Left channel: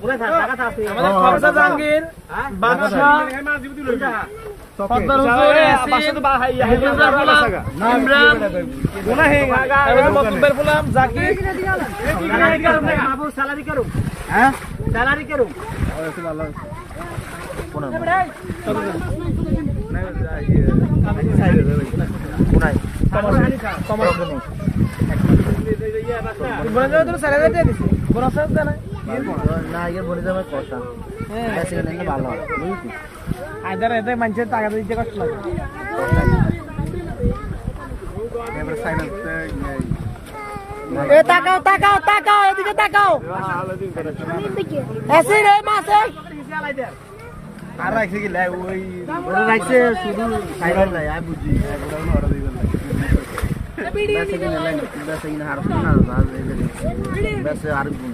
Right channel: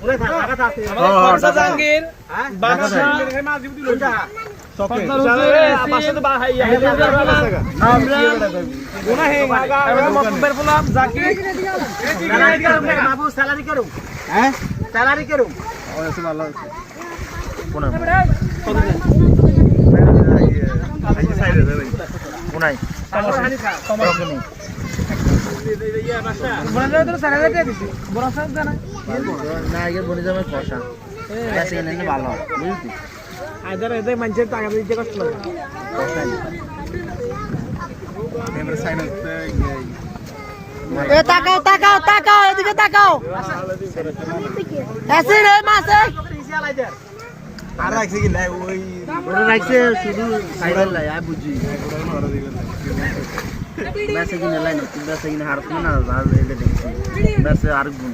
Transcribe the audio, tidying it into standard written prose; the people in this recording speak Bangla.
আমাদের খরচা জাহাঙ্গীর বাদশা সফদার হোসেন মকবুল ফুলাম জাকির স্যালারি করুম হ্যাঁ স্যালারি করুম ওসে ভালো আছে কোন এই সাইডে যাবে কোনাই কমার কোন বড় তো স্যালারি দিয়ে দিছি বড় স্যার জানা না এর বড় জমে কষা বেশি নিলে ভালো হয় বুঝলি আইদার এতে মানুষের টাকা দিতে কষ্ট লাগে এবারে সাইডে এ তাকাও তাকাও তাকাও এদিকে তাকাও এসে রে মাসে আর রাখছে কি লাই ওই ওরা রাখছে শুধু সাইডে লাই আই বুঝি ওরা ওরা দিবেন লাই বেশি কিনে লাই না বেশি কিনে হারছ না আর এলে দেখছি বেশি আর গুণ